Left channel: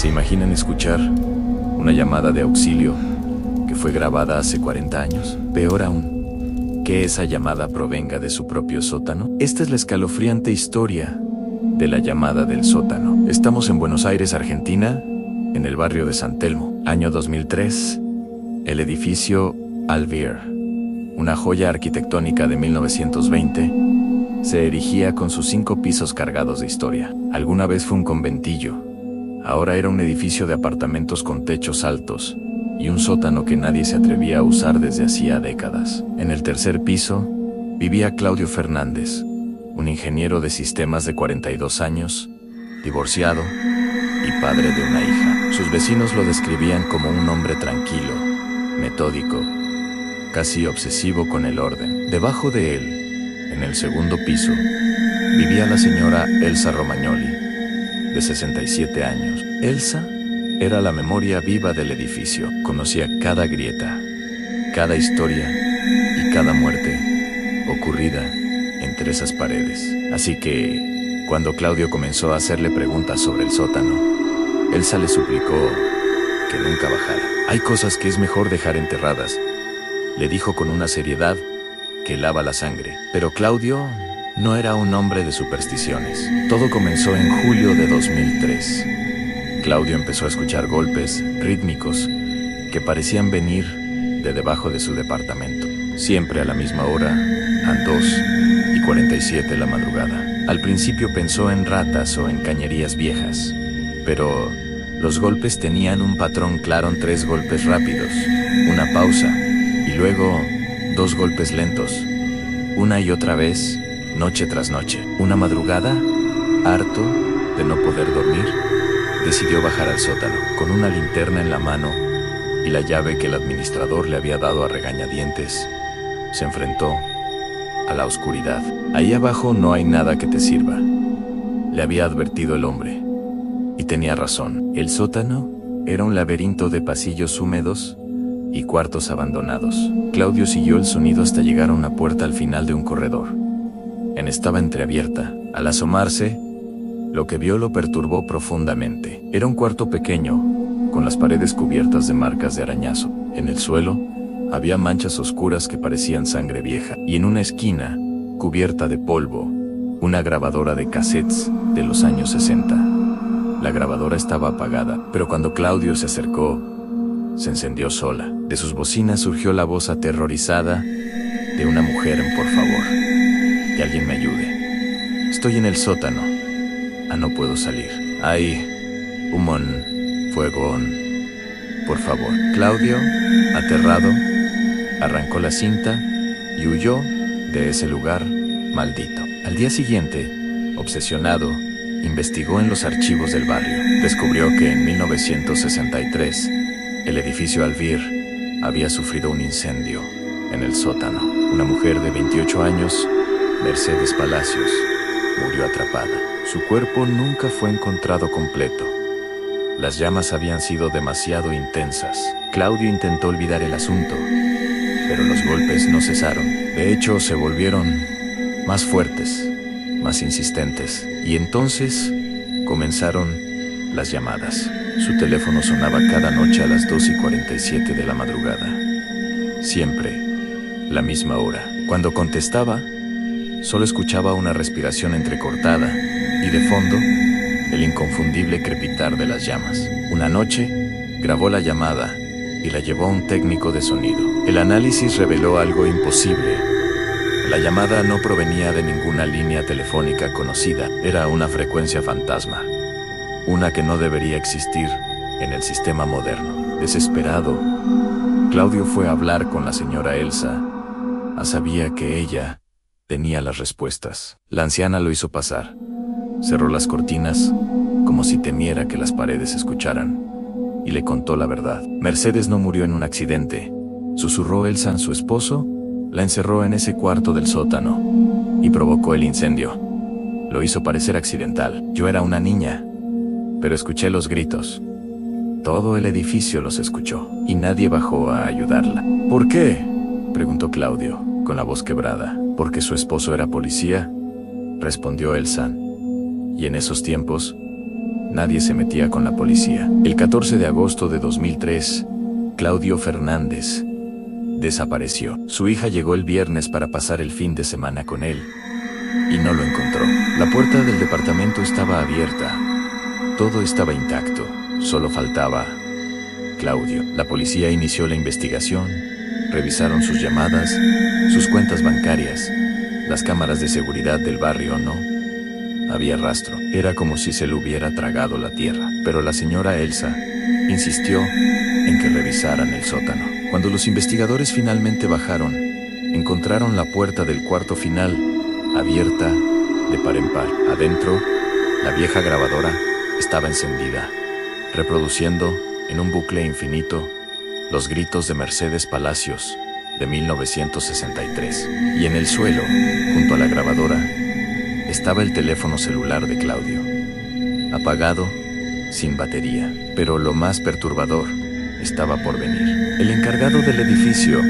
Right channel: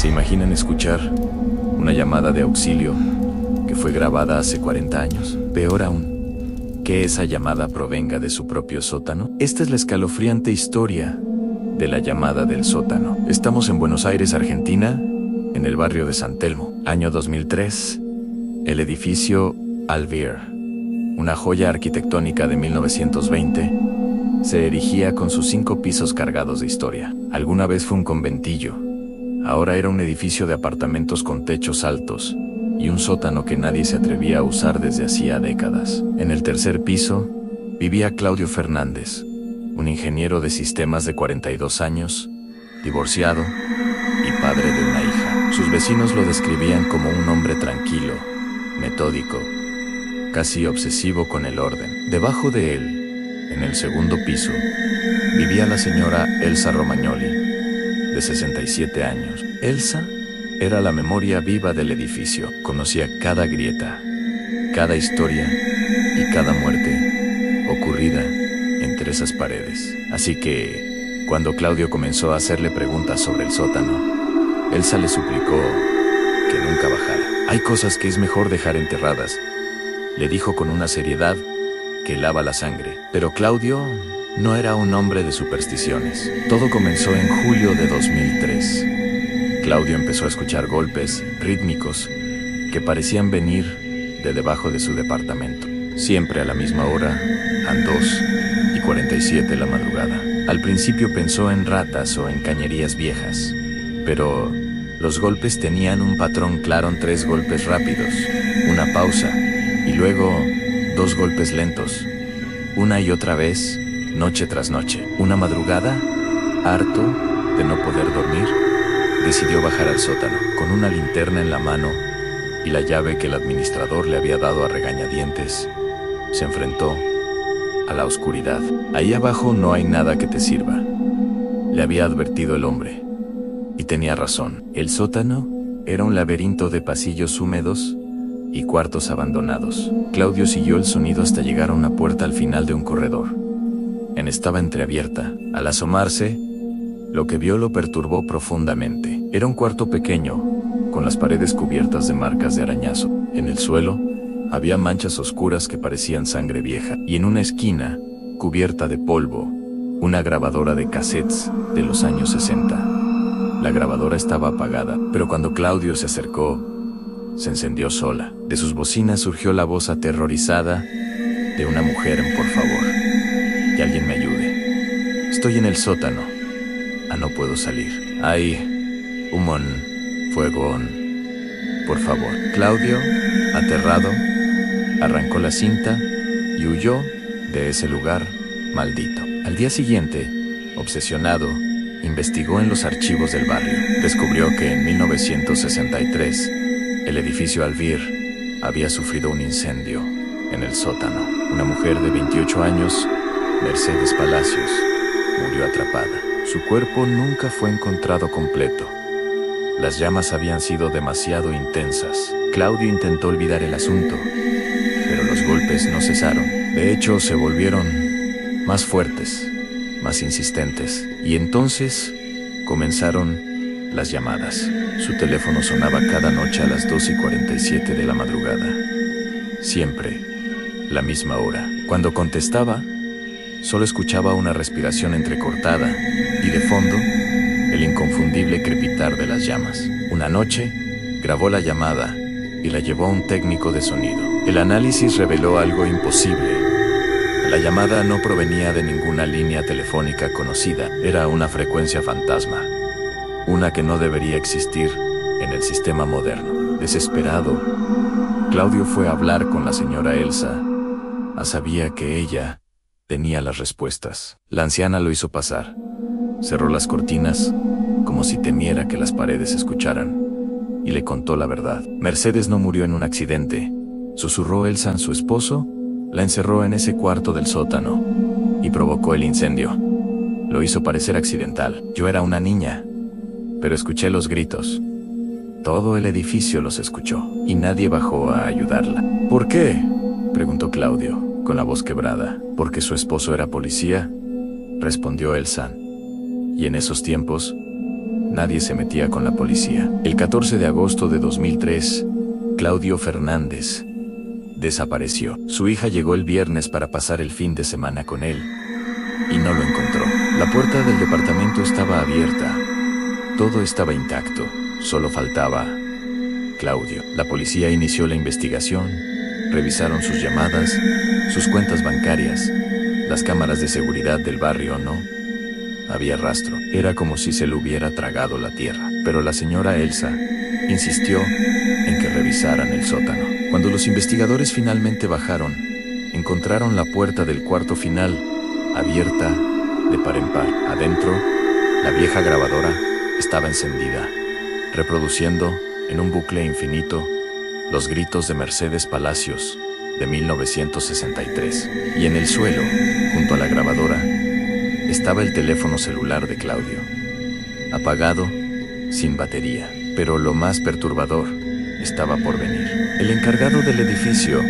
¿Se imaginan escuchar una llamada de auxilio que fue grabada hace 40 años? Peor aún, que esa llamada provenga de su propio sótano. Esta es la escalofriante historia de la llamada del sótano. Estamos en Buenos Aires, Argentina, en el barrio de San Telmo. Año 2003, el edificio Alvear, una joya arquitectónica de 1920, se erigía con sus 5 pisos cargados de historia. Alguna vez fue un conventillo. Ahora era un edificio de apartamentos con techos altos y un sótano que nadie se atrevía a usar desde hacía décadas. En el tercer piso vivía Claudio Fernández, un ingeniero de sistemas de 42 años, divorciado y padre de una hija. Sus vecinos lo describían como un hombre tranquilo, metódico, casi obsesivo con el orden. Debajo de él, en el segundo piso, vivía la señora Elsa Romagnoli, de 67 años. Elsa era la memoria viva del edificio. Conocía cada grieta, cada historia y cada muerte ocurrida entre esas paredes. Así que, cuando Claudio comenzó a hacerle preguntas sobre el sótano, Elsa le suplicó que nunca bajara. Hay cosas que es mejor dejar enterradas, le dijo con una seriedad que helaba la sangre. Pero Claudio no era un hombre de supersticiones. Todo comenzó en julio de 2003. Claudio empezó a escuchar golpes rítmicos que parecían venir de debajo de su departamento. Siempre a la misma hora, a 2:47 de la madrugada. Al principio pensó en ratas o en cañerías viejas, pero los golpes tenían un patrón claro: 3 golpes rápidos, una pausa y luego 2 golpes lentos, una y otra vez, noche tras noche. Una madrugada, harto de no poder dormir, decidió bajar al sótano. Con una linterna en la mano y la llave que el administrador le había dado a regañadientes, se enfrentó a la oscuridad. Ahí abajo no hay nada que te sirva, le había advertido el hombre. Y tenía razón. El sótano era un laberinto de pasillos húmedos y cuartos abandonados. Claudio siguió el sonido hasta llegar a una puerta al final de un corredor. Estaba entreabierta. Al asomarse, lo que vio lo perturbó profundamente. Era un cuarto pequeño, con las paredes cubiertas de marcas de arañazo. En el suelo había manchas oscuras que parecían sangre vieja, y en una esquina, cubierta de polvo, una grabadora de cassettes de los años 60. La grabadora estaba apagada, pero cuando Claudio se acercó, se encendió sola. De sus bocinas surgió la voz aterrorizada de una mujer en: por favor, que alguien me ayude. Estoy en el sótano. No puedo salir. Hay humón, fuegón. Por favor. Claudio, aterrado, arrancó la cinta y huyó de ese lugar maldito. Al día siguiente, obsesionado, investigó en los archivos del barrio. Descubrió que en 1963, el edificio Alvear había sufrido un incendio en el sótano. Una mujer de 28 años, Mercedes Palacios, murió atrapada. Su cuerpo nunca fue encontrado completo. Las llamas habían sido demasiado intensas. Claudio intentó olvidar el asunto, pero los golpes no cesaron. De hecho, se volvieron más fuertes, más insistentes. Y entonces comenzaron las llamadas. Su teléfono sonaba cada noche a las 2:47 de la madrugada. Siempre la misma hora. Cuando contestaba, solo escuchaba una respiración entrecortada y de fondo, el inconfundible crepitar de las llamas. Una noche, grabó la llamada y la llevó a un técnico de sonido. El análisis reveló algo imposible. La llamada no provenía de ninguna línea telefónica conocida. Era una frecuencia fantasma, una que no debería existir en el sistema moderno. Desesperado, Claudio fue a hablar con la señora Elsa. Sabía que ella tenía las respuestas. La anciana lo hizo pasar. Cerró las cortinas, como si temiera que las paredes escucharan, y le contó la verdad. Mercedes no murió en un accidente, susurró Elsa. Su esposo la encerró en ese cuarto del sótano y provocó el incendio. Lo hizo parecer accidental. Yo era una niña, pero escuché los gritos. Todo el edificio los escuchó, y nadie bajó a ayudarla. ¿Por qué?, preguntó Claudio, con la voz quebrada. ¿Porque su esposo era policía?, respondió Elsa. Y en esos tiempos, nadie se metía con la policía. El 14 de agosto de 2003, Claudio Fernández desapareció. Su hija llegó el viernes para pasar el fin de semana con él y no lo encontró. La puerta del departamento estaba abierta. Todo estaba intacto. Solo faltaba Claudio. La policía inició la investigación. Revisaron sus llamadas, sus cuentas bancarias, las cámaras de seguridad del barrio. No había rastro. Era como si se lo hubiera tragado la tierra. Pero la señora Elsa insistió en que revisaran el sótano. Cuando los investigadores finalmente bajaron, encontraron la puerta del cuarto final abierta de par en par. Adentro, la vieja grabadora estaba encendida, reproduciendo en un bucle infinito los gritos de Mercedes Palacios de 1963. Y en el suelo, junto a la grabadora, estaba el teléfono celular de Claudio, apagado, sin batería. Pero lo más perturbador estaba por venir. El encargado del edificio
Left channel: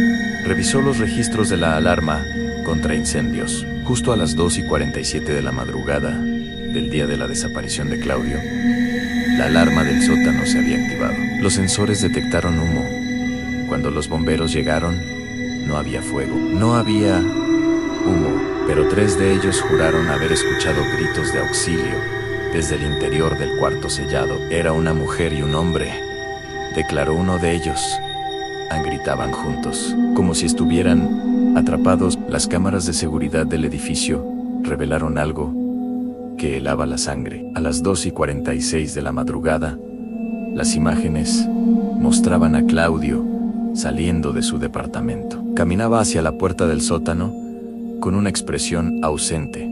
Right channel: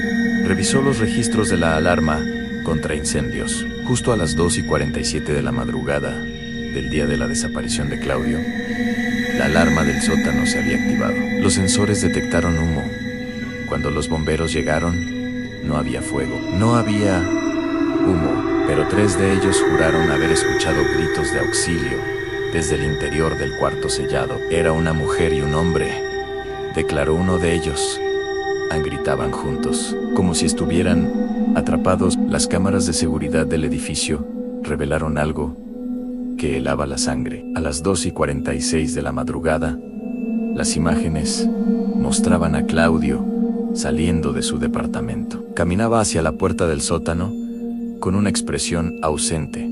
revisó los registros de la alarma contra incendios. Justo a las 2:47 de la madrugada del día de la desaparición de Claudio, la alarma del sótano se había activado. Los sensores detectaron humo. Cuando los bomberos llegaron, no había fuego, no había humo, pero 3 de ellos juraron haber escuchado gritos de auxilio desde el interior del cuarto sellado. Era una mujer y un hombre, declaró uno de ellos. Gritaban juntos, como si estuvieran atrapados. Las cámaras de seguridad del edificio revelaron algo que helaba la sangre. A las 2:46 de la madrugada, las imágenes mostraban a Claudio saliendo de su departamento. Caminaba hacia la puerta del sótano con una expresión ausente,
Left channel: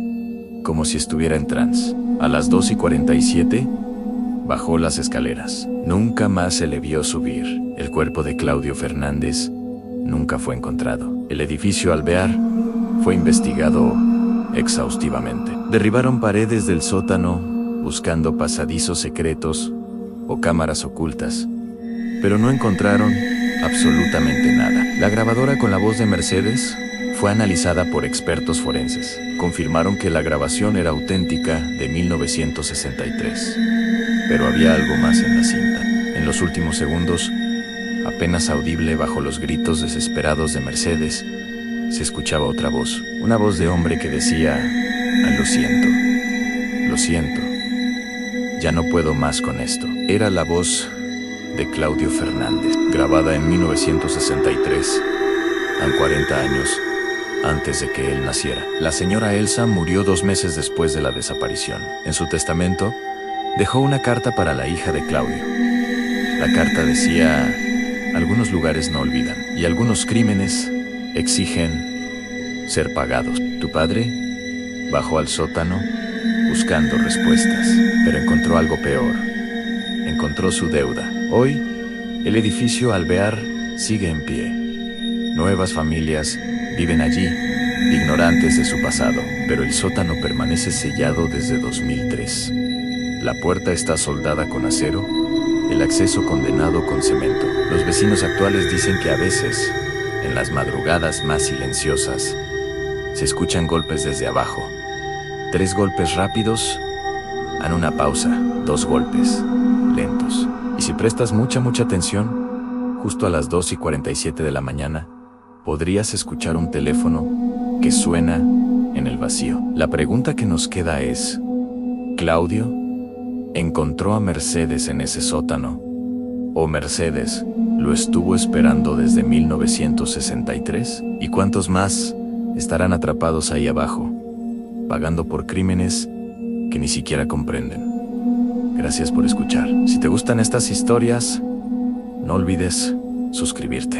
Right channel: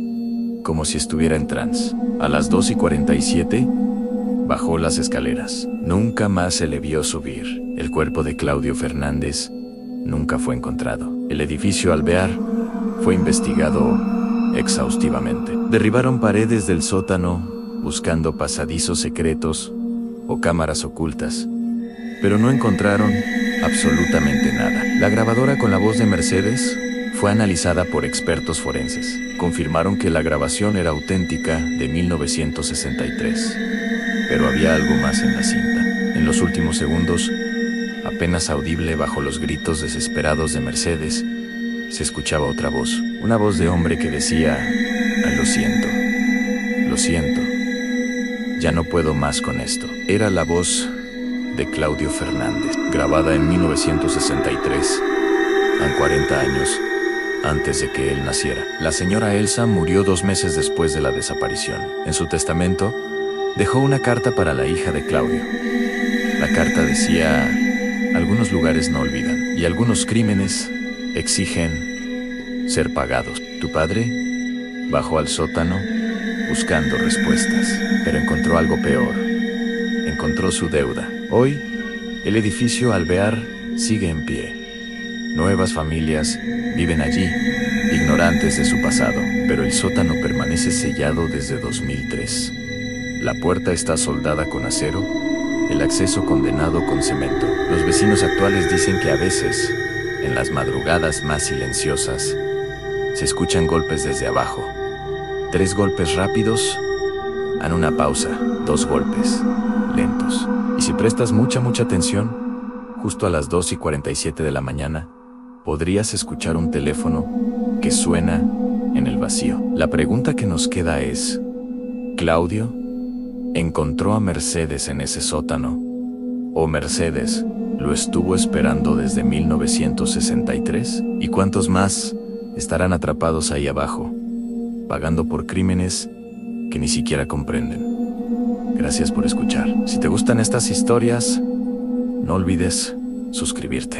como si estuviera en trance. A las 2:47, bajó las escaleras. Nunca más se le vio subir. El cuerpo de Claudio Fernández nunca fue encontrado. El edificio Alvear fue investigado exhaustivamente. Derribaron paredes del sótano buscando pasadizos secretos o cámaras ocultas, pero no encontraron absolutamente nada. La grabadora con la voz de Mercedes fue analizada por expertos forenses. Confirmaron que la grabación era auténtica de 1963. Pero había algo más en la cinta. En los últimos segundos, apenas audible bajo los gritos desesperados de Mercedes, se escuchaba otra voz. Una voz de hombre que decía: lo siento, ya no puedo más con esto. Era la voz de Claudio Fernández, grabada en 1963, a 40 años antes de que él naciera. La señora Elsa murió 2 meses después de la desaparición. En su testamento, dejó una carta para la hija de Claudio. La carta decía: algunos lugares no olvidan, y algunos crímenes exigen ser pagados. Tu padre bajó al sótano buscando respuestas, pero encontró algo peor. Encontró su deuda. Hoy, el edificio Alvear sigue en pie. Nuevas familias viven allí, ignorantes de su pasado, pero el sótano permanece sellado desde 2003. La puerta está soldada con acero, el acceso condenado con cemento. Los vecinos actuales dicen que a veces, en las madrugadas más silenciosas, se escuchan golpes desde abajo. 3 golpes rápidos, en una pausa, 2 golpes lentos. Y si prestas mucha atención, justo a las 2:47 de la mañana, podrías escuchar un teléfono que suena en el vacío. La pregunta que nos queda es: ¿Claudio encontró a Mercedes en ese sótano? ¿O Mercedes lo estuvo esperando desde 1963? ¿Y cuántos más estarán atrapados ahí abajo, pagando por crímenes que ni siquiera comprenden? Gracias por escuchar. Si te gustan estas historias, no olvides suscribirte.